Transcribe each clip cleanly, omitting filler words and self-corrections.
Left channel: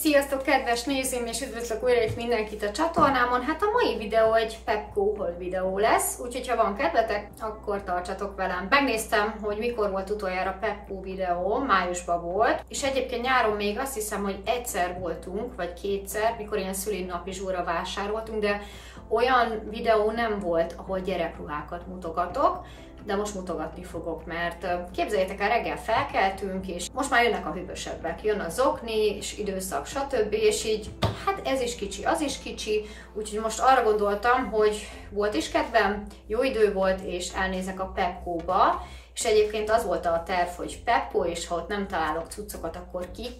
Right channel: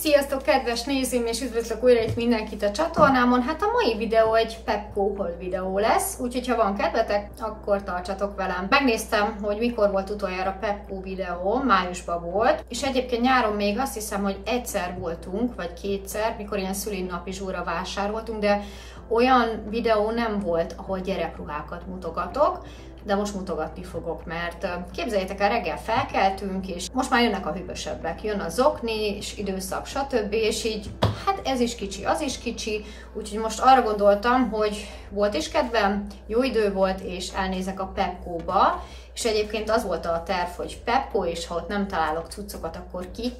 Sziasztok, kedves nézőim, és üdvözlök újra itt mindenkit a csatornámon. Hát a mai videó egy Pepco haul videó lesz, úgyhogy ha van kedvetek, akkor tartsatok velem. Megnéztem, hogy mikor volt utoljára Pepco videó, májusban volt, és egyébként nyáron még azt hiszem, hogy egyszer voltunk, vagy kétszer, mikor ilyen szülinapi zsúra vásároltunk, de olyan videó nem volt, ahol gyerekruhákat mutogatok, de most mutogatni fogok, mert képzeljétek el, reggel felkeltünk, és most már jönnek a hűvösebbek, jön a zokni, és időszak, stb. És így, hát ez is kicsi, az is kicsi, úgyhogy most arra gondoltam, hogy volt is kedvem, jó idő volt, és elnézek a Pepco-ba, és egyébként az volt a terv, hogy Pepco, és ha ott nem találok cuccokat, akkor kik,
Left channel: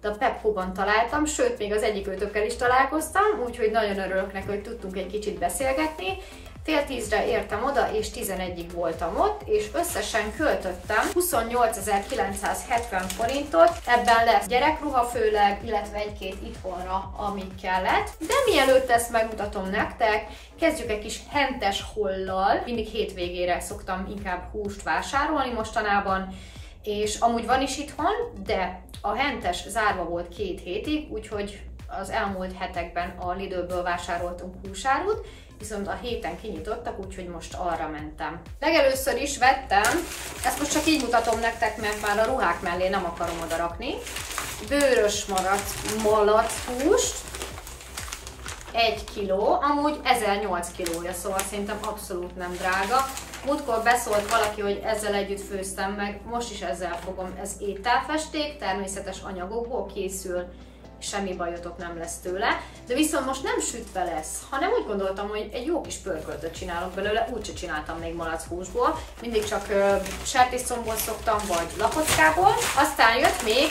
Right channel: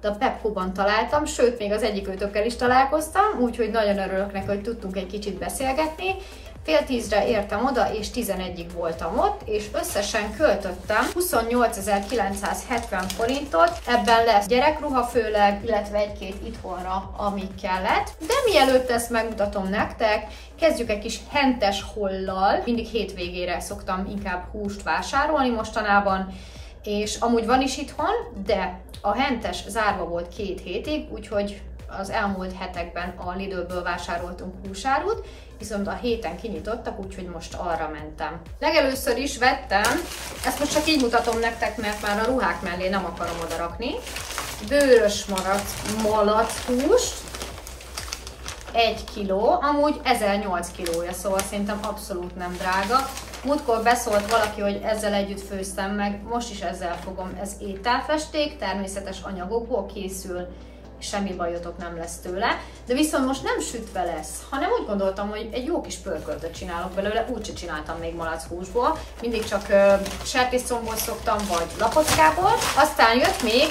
de a Pepco-ban találtam, sőt, még az egyik őtökkel is találkoztam, úgyhogy nagyon örülök neki, hogy tudtunk egy kicsit beszélgetni. Fél 10-re értem oda, és 11-ig voltam ott, és összesen költöttem 28.970 forintot. Ebben lesz gyerekruha főleg, illetve egy-két itthonra, ami kellett. De mielőtt ezt megmutatom nektek, kezdjük egy kis hentes haullal. Mindig hétvégére szoktam inkább húst vásárolni mostanában, és amúgy van is itthon, de a hentes zárva volt 2 hétig, úgyhogy az elmúlt hetekben a Lidlből vásároltunk húsárut, viszont a héten kinyitottak, úgyhogy most arra mentem. Legelőször is vettem, ezt most csak így mutatom nektek, mert már a ruhák mellé nem akarom oda rakni, bőrös malac-húst, 1 kiló, amúgy 1008 kilója, szóval szerintem abszolút nem drága. Múltkor beszólt valaki, hogy ezzel együtt főztem meg, most is ezzel fogom, ez ételfesték, természetes anyagokból készül, semmi bajotok nem lesz tőle, de viszont most nem sütve lesz, hanem úgy gondoltam, hogy egy jó kis pörköltöt csinálok belőle, úgyse csináltam még malac-húsból, mindig csak sertészcombból szoktam, vagy lapockából. Aztán jött még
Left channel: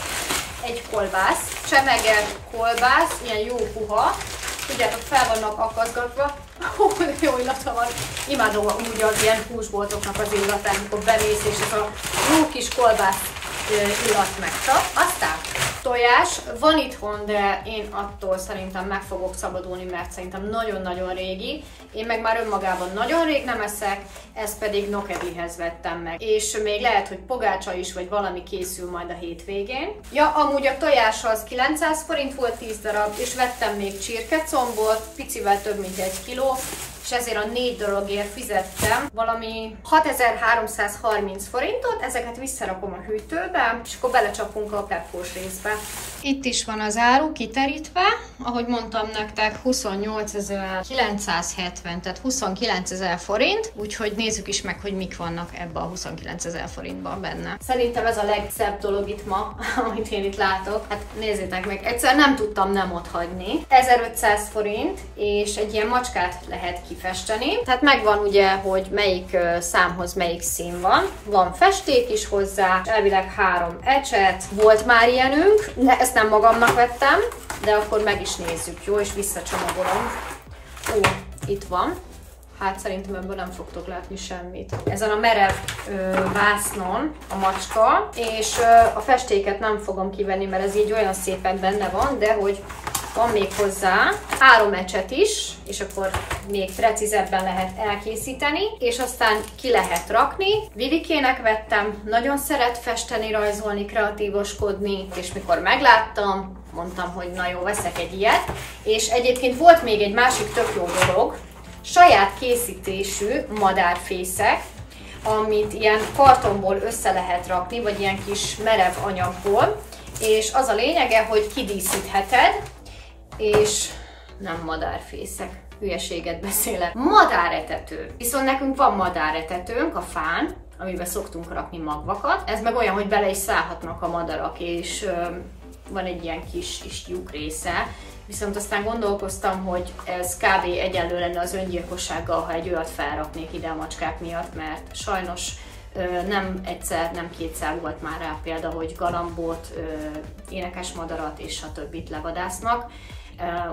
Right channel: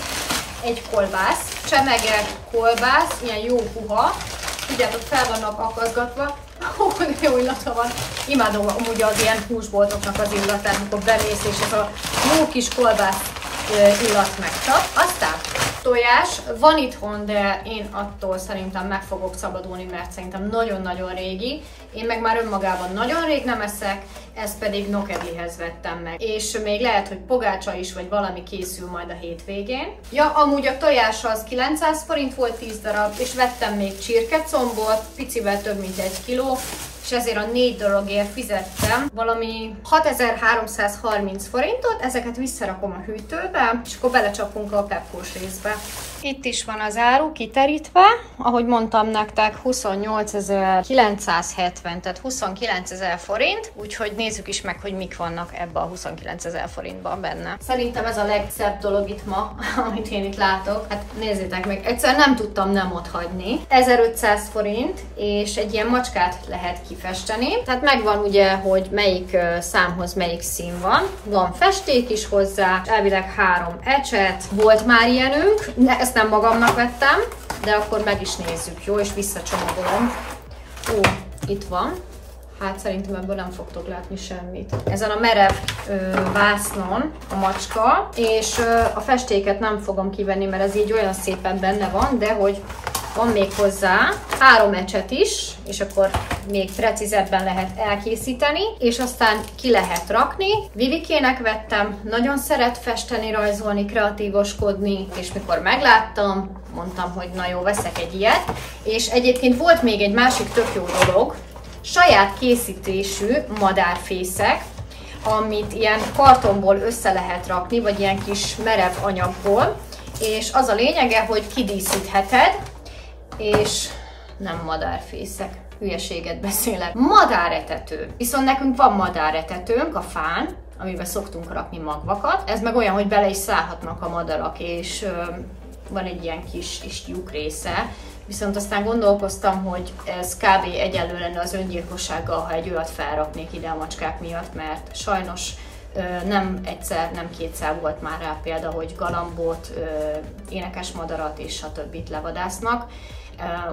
egy kolbász, csemege kolbász, ilyen jó puha, tudjátok, fel vannak akaszgatva, jó illata van, imádom amúgy az ilyen húsboltoknak az illatát, amikor belész, és ez a jó kis kolbász illat megcsap. Aztán tojás van itthon, de én attól szerintem meg fogok szabadulni, mert szerintem nagyon-nagyon régi. Én meg már önmagában nagyon rég nem eszek, ezt pedig nokedlihez vettem meg. És még lehet, hogy pogácsa is, vagy valami készül majd a hétvégén. Ja, amúgy a tojás az 900 forint volt 10 darab, és vettem még csirkecombot, picivel több mint 1 kiló, és ezért a 4 darabért fizettem valami 6330 forintot, ezeket visszarakom a hűtőbe, és akkor belecsapunk a Pepco-s részbe. Itt is van az áru kiterítve, ahogy mondtam nektek, 28.970, tehát 29.000 forint, úgyhogy nézzük is meg, hogy mik vannak ebbe a 29.000 forintban benne. Szerintem ez a legszebb dolog itt ma, amit én itt látok. Hát nézzétek meg, egyszer nem tudtam nem otthagyni. 1500 forint, és egy ilyen macskát lehet kifesteni. Tehát megvan ugye, hogy melyik számhoz melyik szín van. Van festék is hozzá, elvileg 3 ecset. Volt már ilyenünk, de ezt nem magamnak vettem, de akkor meg is nézzük, jó? És visszacsomagolom. Ó, itt van. Hát szerintem ebből nem fogtok látni semmit. Ezen a merev vásznon a macska, és a festéket nem fogom kivenni, mert ez így olyan szépen benne van, de hogy van még hozzá 3 ecset is, és akkor még precízebben lehet elkészíteni, és aztán ki lehet rakni. Vivikének vettem, nagyon szeret festeni, rajzolni, kreatívoskodni, és mikor megláttam, mondtam, hogy na jó, veszek egy ilyet. És egyébként volt még egy másik tök jó dolog, saját készítésű madárfészek, amit ilyen kartonból össze lehet rakni, vagy ilyen kis merev anyagból, és az a lényege, hogy kidíszítheted, és nem madárfészek, hülyeséget beszélek, madáretető. Viszont nekünk van madáretetőnk a fán, amiben szoktunk rakni magvakat, ez meg olyan, hogy bele is szállhatnak a madarak, és van egy ilyen kis lyuk része, viszont aztán gondolkoztam, hogy ez kb. Egyenlő lenne az öngyilkossággal, ha egy olyat felraknék ide a macskák miatt, mert sajnos nem egyszer, nem kétszer volt már rá példa, hogy galambot, énekesmadarat és a többit levadásznak.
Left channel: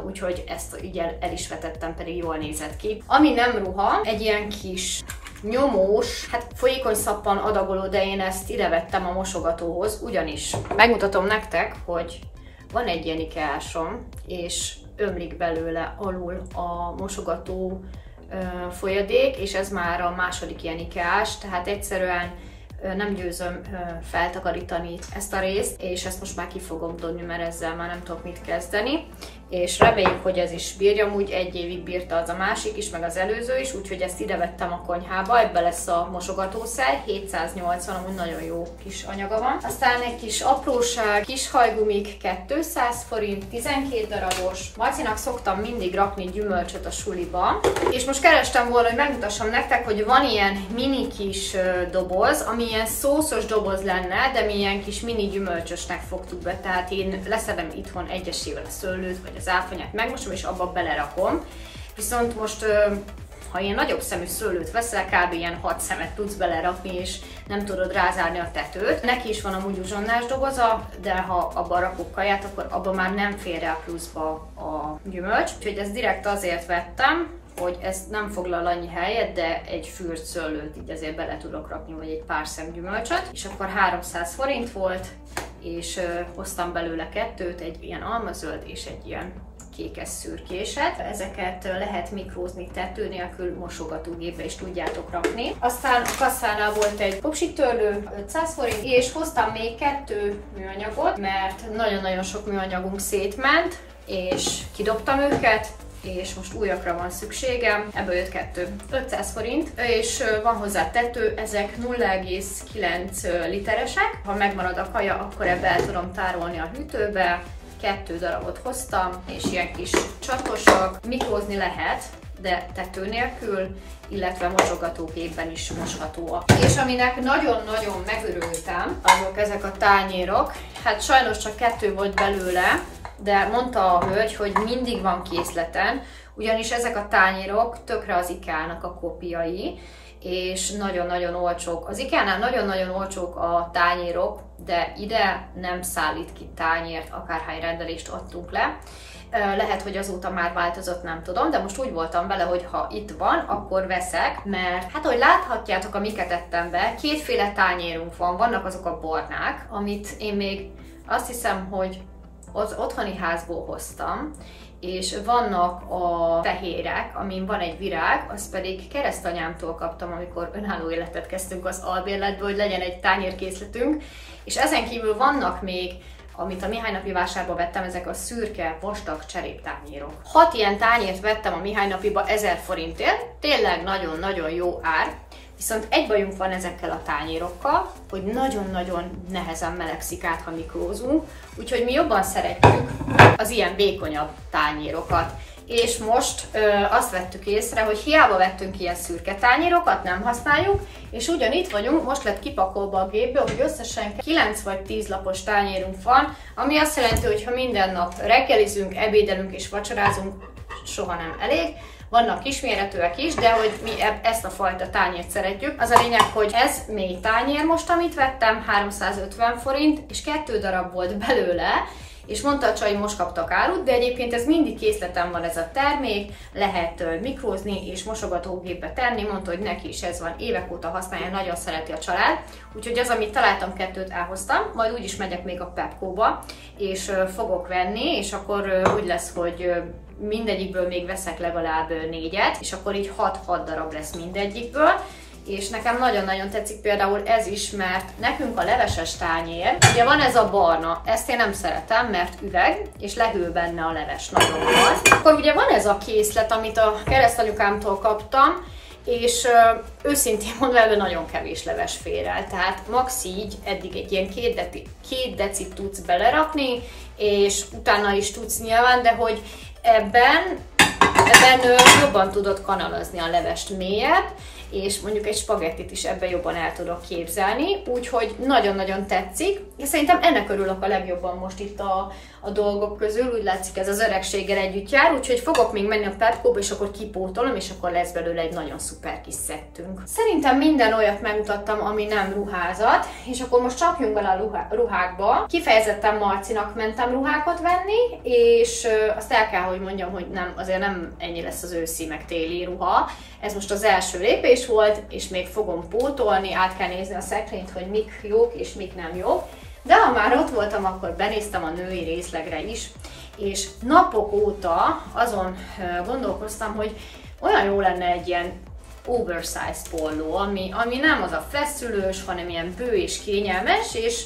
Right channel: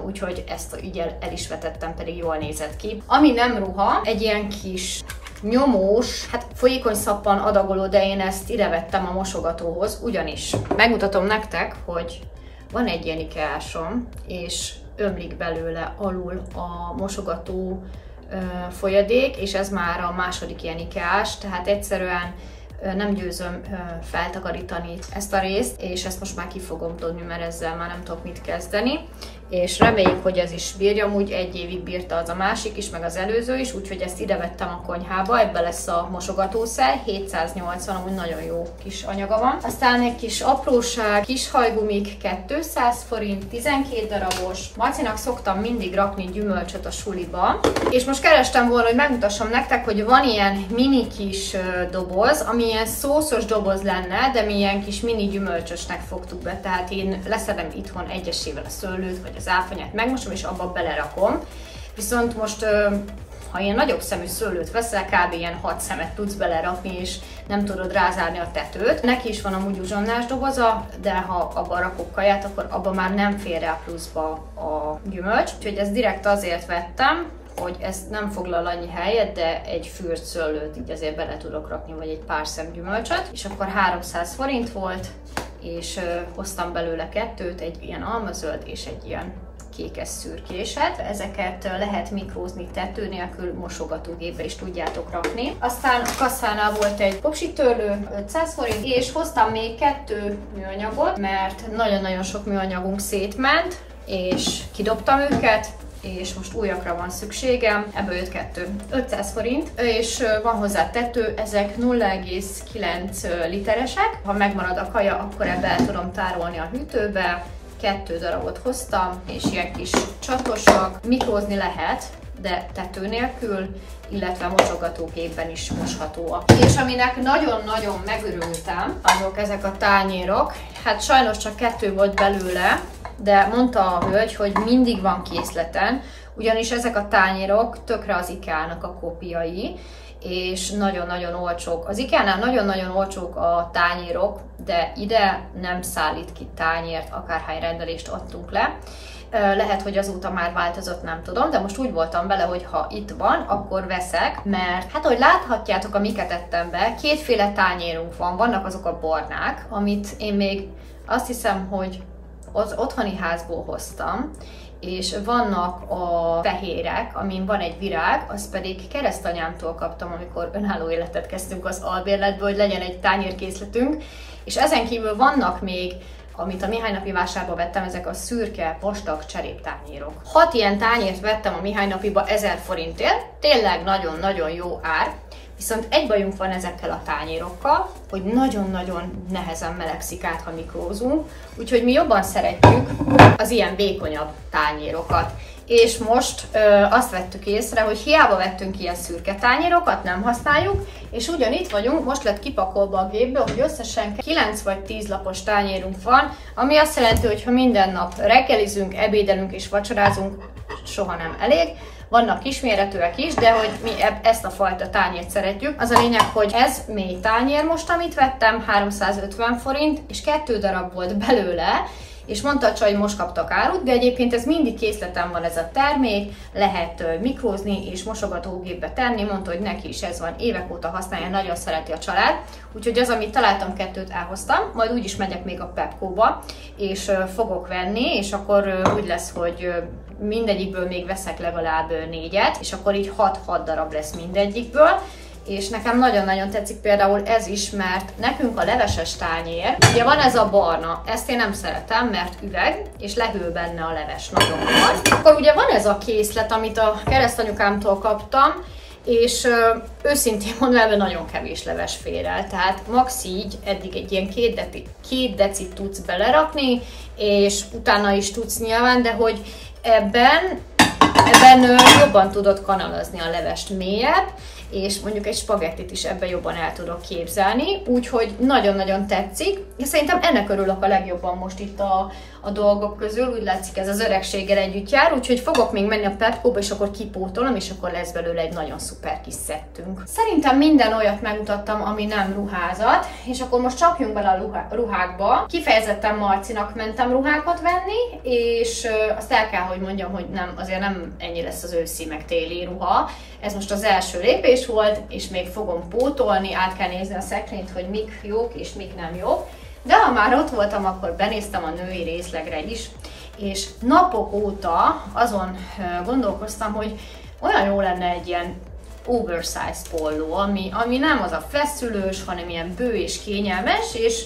Úgyhogy ezt így el is vetettem, pedig jól nézett ki. Ami nem ruha, egy ilyen kis nyomós, hát folyékony szappan adagoló, de én ezt ide vettem a mosogatóhoz, ugyanis megmutatom nektek, hogy van egy ilyen ikeásom, és ömlik belőle alul a mosogató folyadék, és ez már a második ilyen ikeás, tehát egyszerűen nem győzöm feltakarítani ezt a részt, és ezt most már ki fogom dobni, mert ezzel már nem tudok mit kezdeni. És reméljük, hogy ez is bírja, úgy 1 évig bírta az a másik is, meg az előző is, úgyhogy ezt ide vettem a konyhába, ebbe lesz a mosogatószer, 780, amúgy nagyon jó kis anyaga van. Aztán egy kis apróság, kis hajgumik, 200 forint, 12 darabos. Marcinak szoktam mindig rakni gyümölcsöt a suliba, és most kerestem volna, hogy megmutassam nektek, hogy van ilyen mini kis doboz, ami ilyen szószos doboz lenne, de mi ilyen kis mini gyümölcsösnek fogtuk be, tehát én leszedem itthon egyesével a szőlőt, vagy az áfonyát megmosom, és abba belerakom. Viszont most, ha ilyen nagyobb szemű szőlőt veszel, kb. Ilyen 6 szemet tudsz belerakni, és nem tudod rázárni a tetőt. Neki is van amúgy uzsonnás doboza, de ha abban rakok kaját, akkor abban már nem fér rá pluszba a gyümölcs. Úgyhogy ezt direkt azért vettem, hogy ez nem foglal annyi helyet, de egy fűrt szőlőt így azért bele tudok rakni, vagy egy pár szem gyümölcsöt. És akkor 300 forint volt, és hoztam belőle 2, egy ilyen almazöld és egy ilyen kékes szürkéset. Ezeket lehet mikrózni tető nélkül, mosogatógépbe is tudjátok rakni. Aztán a kasszánál volt egy popsitörlő, 500 forint, és hoztam még 2 műanyagot, mert nagyon-nagyon sok műanyagunk szétment, és kidobtam őket, és most újakra van szükségem, ebből jött 2. 500 forint, és van hozzá tető, ezek 0,9 literesek. Ha megmarad a kaja, akkor ebbe el tudom tárolni a hűtőbe. 2 darabot hoztam, és ilyen kis csatosak. Mikrózni lehet, de tető nélkül, illetve mosogatógépben is moshatóak. És aminek nagyon-nagyon megörültem, azok ezek a tányérok. Hát sajnos csak 2 volt belőle, de mondta a hölgy, hogy mindig van készleten, ugyanis ezek a tányérok tökre az IKEA-nak a kópiai, és nagyon-nagyon olcsók. Az IKEA-nál nagyon-nagyon olcsók a tányérok, de ide nem szállít ki tányért, akárhány rendelést adtunk le. Lehet, hogy azóta már változott, nem tudom, de most úgy voltam vele, hogy ha itt van, akkor veszek, mert hát ahogy láthatjátok, amiket ettem be, 2 féle tányérunk van, vannak azok a barnák, amit én még azt hiszem, hogy az otthoni házból hoztam, és vannak a fehérek, amin van egy virág, azt pedig keresztanyámtól kaptam, amikor önálló életet kezdtünk az albérletből, hogy legyen egy tányérkészletünk, és ezen kívül vannak még, amit a Mihály napi vásárba vettem, ezek a szürke, vastag cseréptányérok. 6 ilyen tányért vettem a Mihály napiba 1000 forintért, tényleg nagyon-nagyon jó ár, viszont egy bajunk van ezekkel a tányérokkal, hogy nagyon-nagyon nehezen melegszik át, ha mikrózunk, úgyhogy mi jobban szeretjük az ilyen vékonyabb tányérokat. És most azt vettük észre, hogy hiába vettünk ilyen szürke tányérokat, nem használjuk, és ugyan itt vagyunk, most lett kipakolva a gépből, hogy összesen 9 vagy 10 lapos tányérunk van, ami azt jelenti, hogy ha minden nap reggelizünk, ebédelünk és vacsorázunk, soha nem elég. Vannak kisméretűek is, de hogy mi ezt a fajta tányért szeretjük. Az a lényeg, hogy ez mély tányér most, amit vettem, 350 forint, és 2 darab volt belőle, és mondta a csaj, hogy most kaptak árut, de egyébként ez mindig készleten van ez a termék, lehet mikrózni és mosogatógépbe tenni, mondta, hogy neki is ez van, évek óta használja, nagyon szereti a család, úgyhogy az, amit találtam, 2-t elhoztam, majd úgyis megyek még a Pepco-ba, és fogok venni, és akkor úgy lesz, hogy mindegyikből még veszek legalább 4-et, és akkor így 6 darab lesz mindegyikből. És nekem nagyon-nagyon tetszik például ez is, mert nekünk a leveses tányér, ugye van ez a barna, ezt én nem szeretem, mert üveg, és lehűl benne a leves, nagyon van. Akkor ugye van ez a készlet, amit a keresztanyukámtól kaptam, és őszintén mondva, ebben nagyon kevés leves fér el, tehát max így eddig egy ilyen 2 decit tudsz belerakni, és utána is tudsz nyilván, de hogy ebben jobban tudod kanalazni a levest mélyebb, és mondjuk egy spagettit is ebben jobban el tudok képzelni, úgyhogy nagyon-nagyon tetszik, és szerintem ennek örülök a legjobban most itt a dolgok közül, úgy látszik ez az öregséggel együtt jár, úgyhogy fogok még menni a Pepco-ba, és akkor kipótolom, és akkor lesz belőle egy nagyon szuper kis szettünk. Szerintem minden olyat megmutattam, ami nem ruházat, és akkor most csapjunk bele a ruhákba. Kifejezetten Marcinak mentem ruhákat venni, és azt el kell, hogy mondjam, hogy azért nem ennyi lesz az őszi meg téli ruha. Ez most az első lépés volt, és még fogom pótolni, át kell nézni a szekrényt, hogy mik jók és mik nem jók. De ha már ott voltam, akkor benéztem a női részlegre is, és napok óta azon gondolkoztam, hogy olyan jó lenne egy ilyen oversize polló, ami nem az a feszülős, hanem ilyen bő és kényelmes, és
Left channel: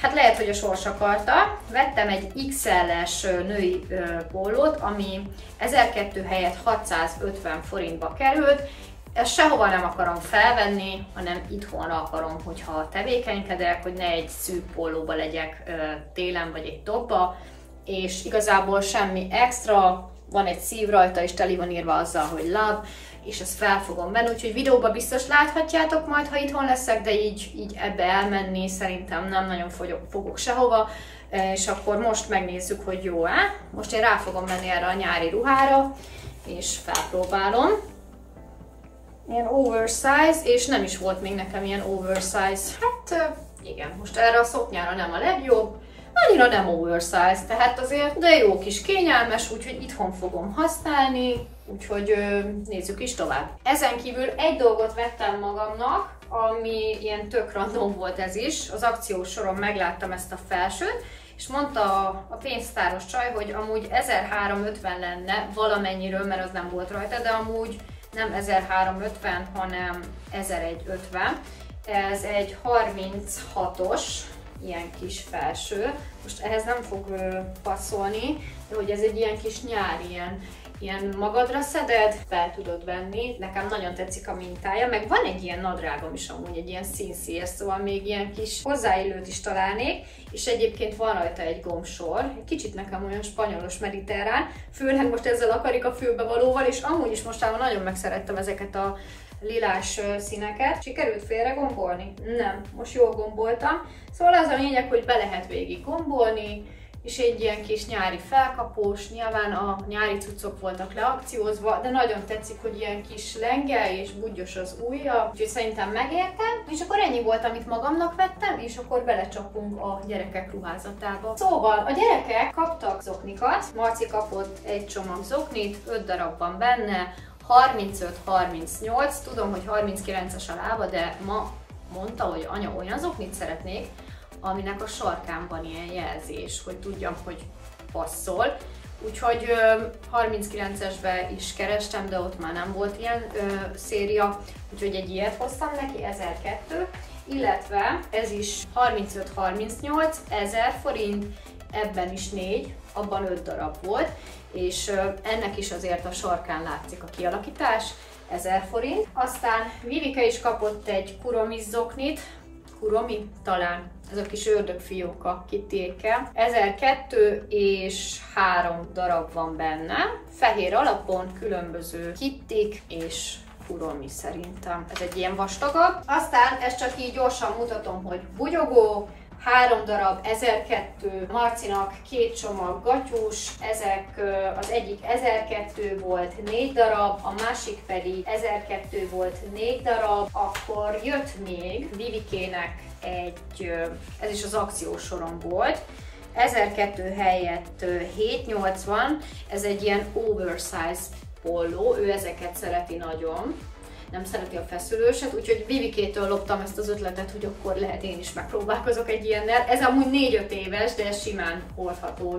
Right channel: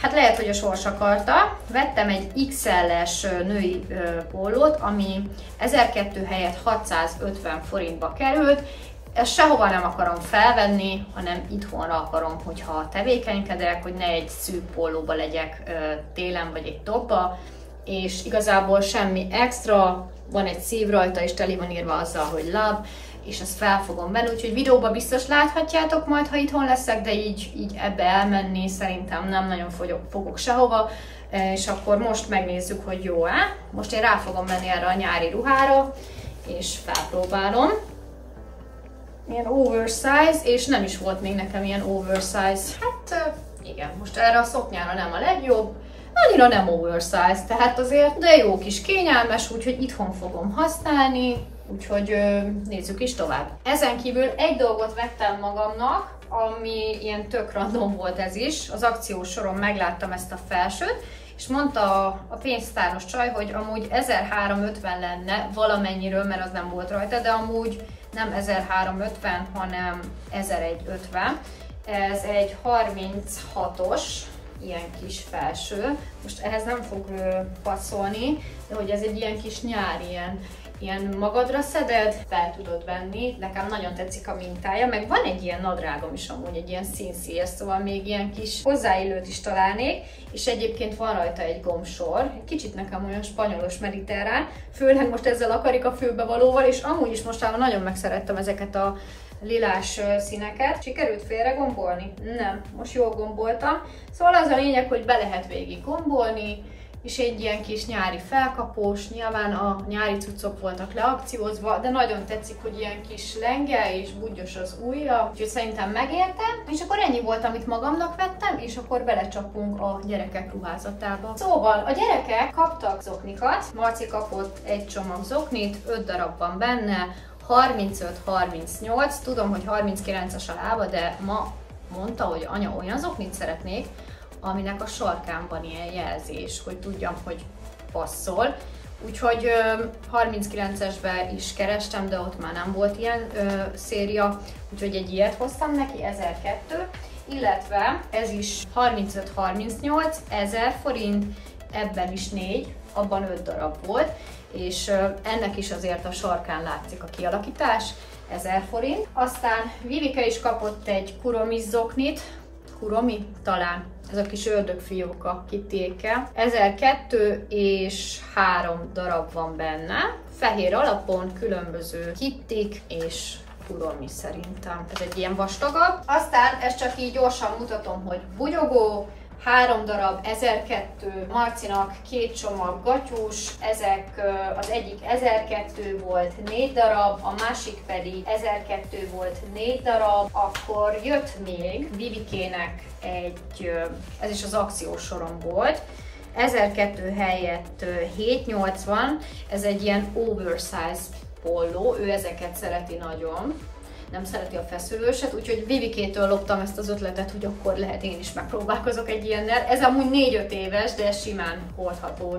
hát lehet, hogy a sors akarta. Vettem egy XL-es női pollót, ami 1002 helyett 650 forintba került. Ezt sehova nem akarom felvenni, hanem itthonra akarom, hogyha tevékenykedek, hogy ne egy szűk pollóba legyek télen, vagy egy topba, és igazából semmi extra, van egy szív rajta, és teli van írva azzal, hogy love, és ezt fel fogom venni, úgyhogy videóban biztos láthatjátok majd, ha itthon leszek, de így ebbe elmenni szerintem nem nagyon fogok sehova, és akkor most megnézzük, hogy jó-e. Most én rá fogom venni erre a nyári ruhára, és felpróbálom. Ilyen oversize, és nem is volt még nekem ilyen oversize. Hát igen, most erre a szoknyára nem a legjobb, annyira nem oversize, tehát azért, de jó kis kényelmes, úgyhogy itthon fogom használni, úgyhogy nézzük is tovább. Ezen kívül egy dolgot vettem magamnak, ami ilyen tök random volt ez is. Az akciós soron megláttam ezt a felsőt, és mondta a pénztáros csaj, hogy amúgy 1350 lenne valamennyiről, mert az nem volt rajta, de amúgy nem 1350, hanem 1150. Ez egy 36-os, ilyen kis felső. Most ehhez nem fog passzolni, de hogy ez egy ilyen kis nyári, ilyen magadra szeded, fel tudod venni. Nekem nagyon tetszik a mintája, meg van egy ilyen nadrágom is amúgy, egy ilyen színszíjes, szóval még ilyen kis hozzáillőt is találnék, és egyébként van rajta egy gombsor, egy kicsit nekem olyan spanyolos mediterrán, főleg most ezzel a karikafülbevalóval, és amúgy is mostában nagyon megszerettem ezeket a lilás színeket. Sikerült félre gombolni? Nem, most jól gomboltam. Szóval az a lényeg, hogy be lehet végig gombolni, és egy ilyen kis nyári felkapós, nyilván a nyári cuccok voltak leakciózva, de nagyon tetszik, hogy ilyen kis lenge és budgyos az ujja, úgyhogy szerintem megértem. És akkor ennyi volt, amit magamnak vettem, és akkor belecsapunk a gyerekek ruházatába. Szóval a gyerekek kaptak zoknikat, Marci kapott egy csomag zoknit, 5 darab van benne, 35-38, tudom, hogy 39-es a lába, de ma mondta, hogy anya, olyan zoknit szeretnék, aminek a sarkán van ilyen jelzés, hogy tudjam, hogy passzol. Úgyhogy 39-esbe is kerestem, de ott már nem volt ilyen széria, úgyhogy egy ilyet hoztam neki, 1002, illetve ez is 35-38, 1000 forint, ebben is 4, abban 5 darab volt, és ennek is azért a sarkán látszik a kialakítás, 1000 forint. Aztán Vivike is kapott egy kuromis zoknit, kuromi talán, ez a kis ördögfióka kittékkel. 1002 és 3 darab van benne, fehér alapon különböző kittik és kuromi szerintem. Ez egy ilyen vastagabb. Aztán ezt csak így gyorsan mutatom, hogy bugyogó, 3 darab 1002, Marcinak 2 csomag gatyús, ezek az egyik 1002 volt 4 darab, a másik pedig 1002 volt 4 darab, akkor jött még Vivikének egy, ez is az akciós soron volt, 1002 helyett 780, ez egy ilyen oversize polló, ő ezeket szereti nagyon. Nem szereti a feszülőset, úgyhogy Vivikétől loptam ezt az ötletet, hogy akkor lehet én is megpróbálkozok egy ilyennel. Ez amúgy 4-5 éves, de simán hordható,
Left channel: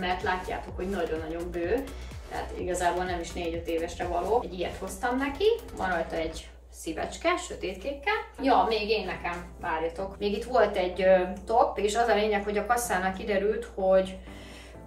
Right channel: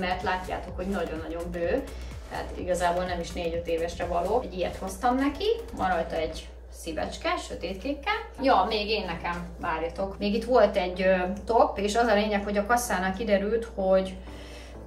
mert látjátok, hogy nagyon-nagyon bő, tehát igazából nem is 4-5 évesre való. Egy ilyet hoztam neki, van rajta egy szívecske, sötétkékkel. Ja, még én nekem, várjatok. Még itt volt egy top, és az a lényeg, hogy a kasszánál kiderült, hogy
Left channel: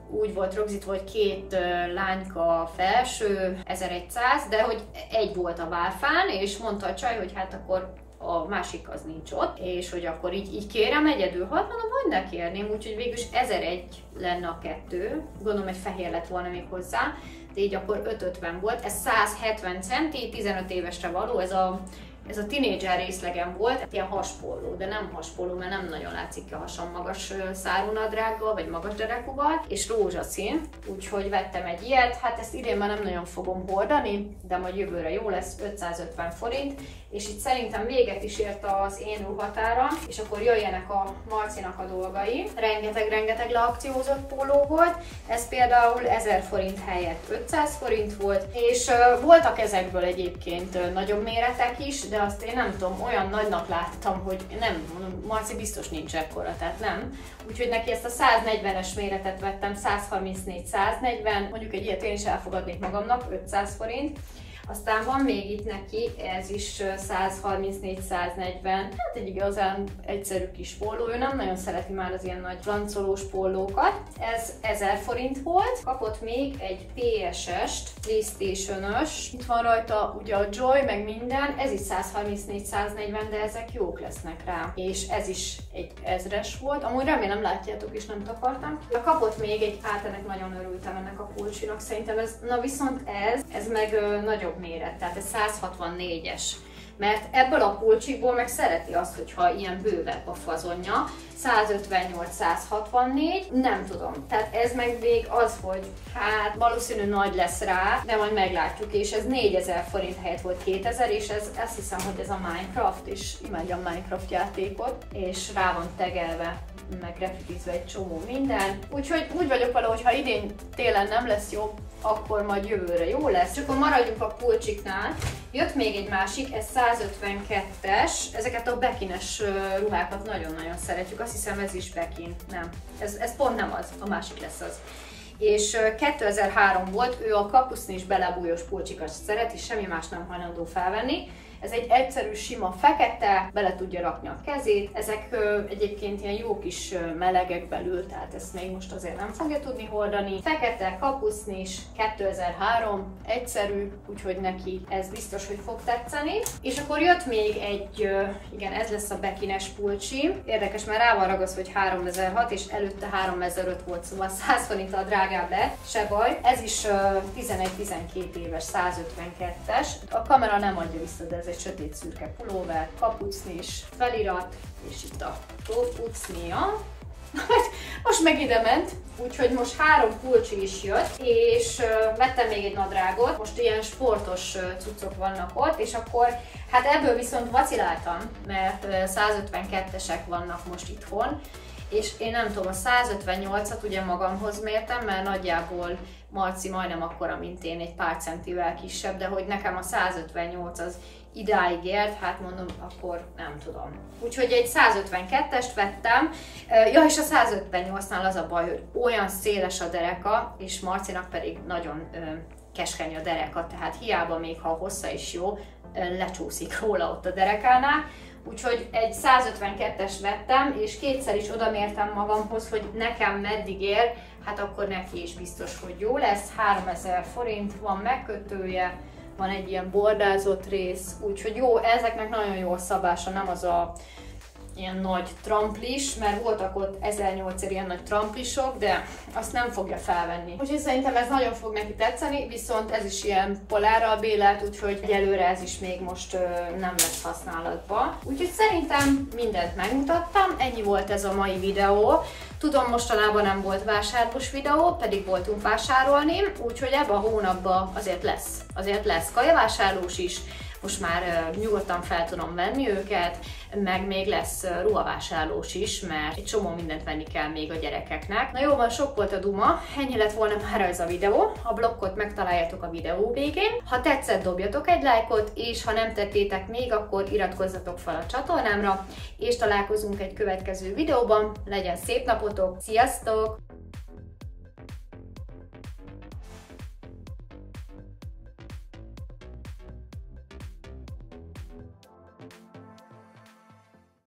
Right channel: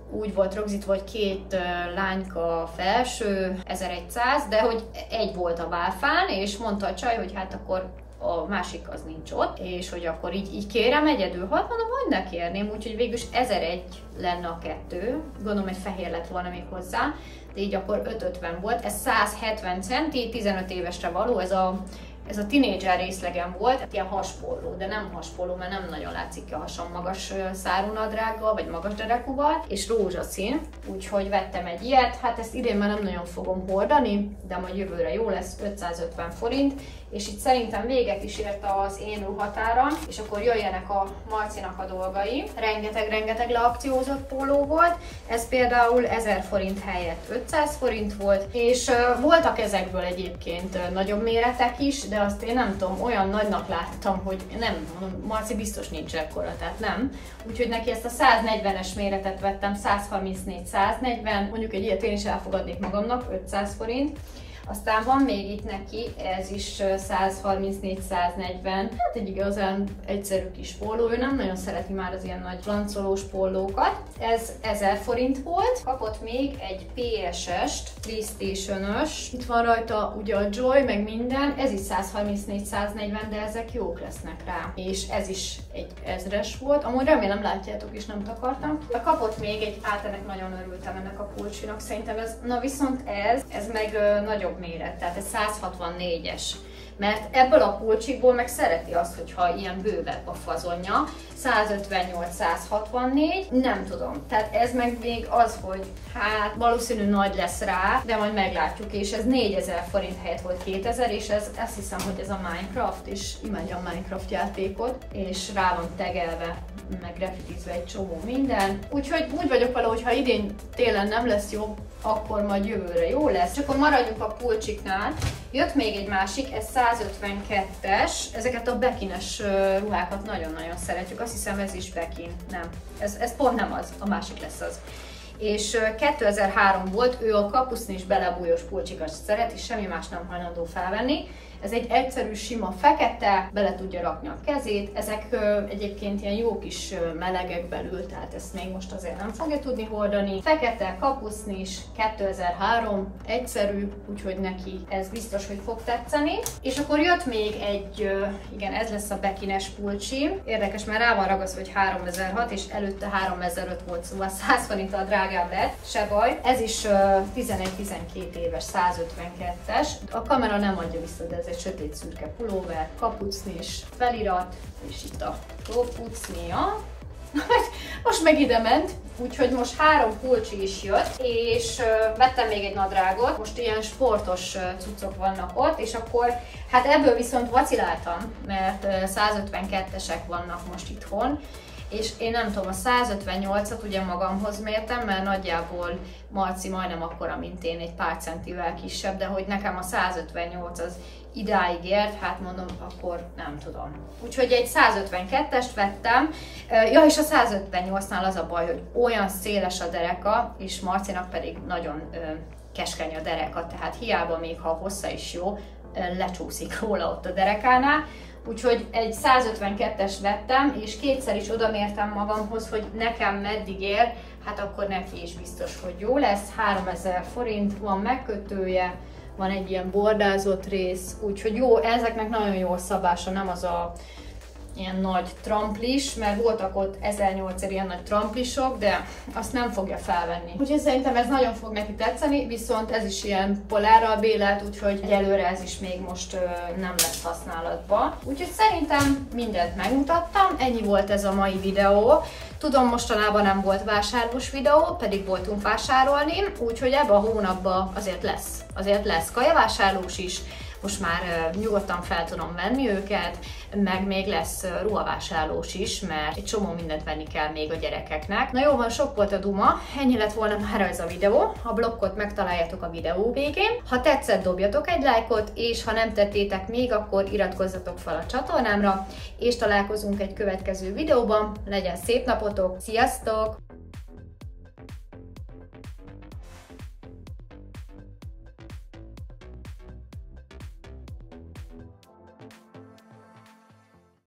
úgy volt rögzítve, hogy 2 lányka felső, 1100, de hogy egy volt a válfán, és mondta a csaj, hogy hát akkor a másik az nincs ott, és hogy akkor így kérem egyedül, hát mondom, hogy ne kérném, úgyhogy végülis 1001 lenne a 2, gondolom, hogy fehér lett volna még hozzá, de így akkor 550 volt, ez 170 centi, 15 évesre való, ez a tínédzser részlegem volt, ilyen haspolló, de nem haspolló, mert nem nagyon látszik ki a hasom magas szárú nadrággal, vagy magas derekúval, és rózsaszín, úgyhogy vettem egy ilyet, hát ezt idén már nem nagyon fogom hordani, de majd jövőre jó lesz, 550 forint, és itt szerintem véget is ért az én ruhatáram, és akkor jöjjenek a Marcinak a dolgai. Rengeteg leakciózott póló volt, ez például 1000 forint helyett 500 forint volt, és voltak ezekből egyébként nagyobb méretek is, de azt én nem tudom, olyan nagynak láttam, hogy nem, mondom, Marci biztos nincs ekkora, tehát nem. Úgyhogy neki ezt a 140-es méretet vettem, 134-140, mondjuk egy ilyet én is elfogadnék magamnak, 500 forint. Aztán van még itt neki, ez is 134-140, hát egy igazán egyszerű kis póló, ő nem nagyon szereti már az ilyen nagy flancolós pólókat. Ez 1000 forint volt, kapott még egy PSS-t, PlayStation-ös, itt van rajta ugye a Joy, meg minden, ez is 134-140, de ezek jók lesznek rá. És ez is egy 1000-es volt, amúgy remélem látjátok is, nem takartam. Kapott még egy, ennek nagyon örültem ennek a pulcsinak, szerintem ez, na viszont ez meg nagyobb méret, tehát ez 164-es. Mert ebből a pulcsikból meg szereti azt, hogyha ilyen bővebb a fazonja, 158-164, nem tudom. Tehát ez meg még az, hogy hát valószínű nagy lesz rá, de majd meglátjuk, és ez 4000 forint helyett volt 2000, és ez azt hiszem, hogy ez a Minecraft, és imádja a Minecraft játékot, és rá van tegelve, meg grafitizve egy csomó minden. Úgyhogy úgy vagyok vele, hogy ha idén télen nem lesz jó, akkor majd jövőre jó lesz. Csak akkor maradjunk a pulcsiknál. Jött még egy másik, ez 152-es. Ezeket a bekines ruhákat nagyon-nagyon szeretjük. Azt hiszem ez is bekin. Nem. Ez pont nem az. A másik lesz az. És 2003 volt, ő a kapusznis belebújós pulcsikat szereti, semmi más nem hajlandó felvenni. Ez egy egyszerű, sima fekete, bele tudja rakni a kezét. Ezek egyébként ilyen jó kis melegek belül, tehát ezt még most azért nem fogja tudni hordani. Fekete, kapusznis, 2003, egyszerű, úgyhogy neki ez biztos, hogy fog tetszeni. És akkor jött még egy, igen, ez lesz a bekines pulcsi. Érdekes, mert rá van ragasztva, hogy 3006, és előtte 3005 volt, szóval 100 forinttal drágább lett, se baj. Ez is 11-12 éves, 152-es. A kamera nem adja vissza, de ez egy sötét szürke pulóver, kapucnis, felirat, és itt a kapucnia. Most meg ide ment, úgyhogy most 3 pulcsi is jött, és vettem még egy nadrágot, most ilyen sportos cuccok vannak ott, és akkor hát ebből viszont vaciláltam, mert 152-esek vannak most itthon, és én nem tudom, a 158-at ugye magamhoz mértem, mert nagyjából Marci majdnem akkora, mint én, egy pár centivel kisebb, de hogy nekem a 158 az idáig ért, hát mondom, akkor nem tudom. Úgyhogy egy 152-est vettem. Ja, és a 158-nál az a baj, hogy olyan széles a dereka, és Marcinak pedig nagyon keskeny a dereka, tehát hiába még ha a hossza is jó, lecsúszik róla ott a derekánál. Úgyhogy egy 152-es vettem, és kétszer is odamértem magamhoz, hogy nekem meddig ér, hát akkor neki is biztos, hogy jó lesz. 3000 forint, van megkötője, van egy ilyen bordázott rész, úgyhogy jó, ezeknek nagyon jó a szabása, nem az a ilyen nagy tramplis, mert voltak ott 1008-er ilyen nagy tramplisok, de azt nem fogja felvenni. Úgyhogy szerintem ez nagyon fog neki tetszeni, viszont ez is ilyen polárral bélelt, úgyhogy egyelőre ez is még most nem lesz használatban. Úgyhogy szerintem mindent megmutattam, ennyi volt ez a mai videó. Tudom, mostanában nem volt vásárlós videó, pedig voltunk vásárolni, úgyhogy ebben a hónapban azért lesz kajavásárlós is. Most már nyugodtan fel tudom venni őket, meg még lesz ruhavásárlós is, mert egy csomó mindent venni kell még a gyerekeknek. Na jó van, sok volt a duma, ennyi lett volna már ez a videó. A blokkot megtaláljátok a videó végén. Ha tetszett, dobjatok egy lájkot, és ha nem tettétek még, akkor iratkozzatok fel a csatornámra, és találkozunk egy következő videóban. Legyen szép napotok, sziasztok!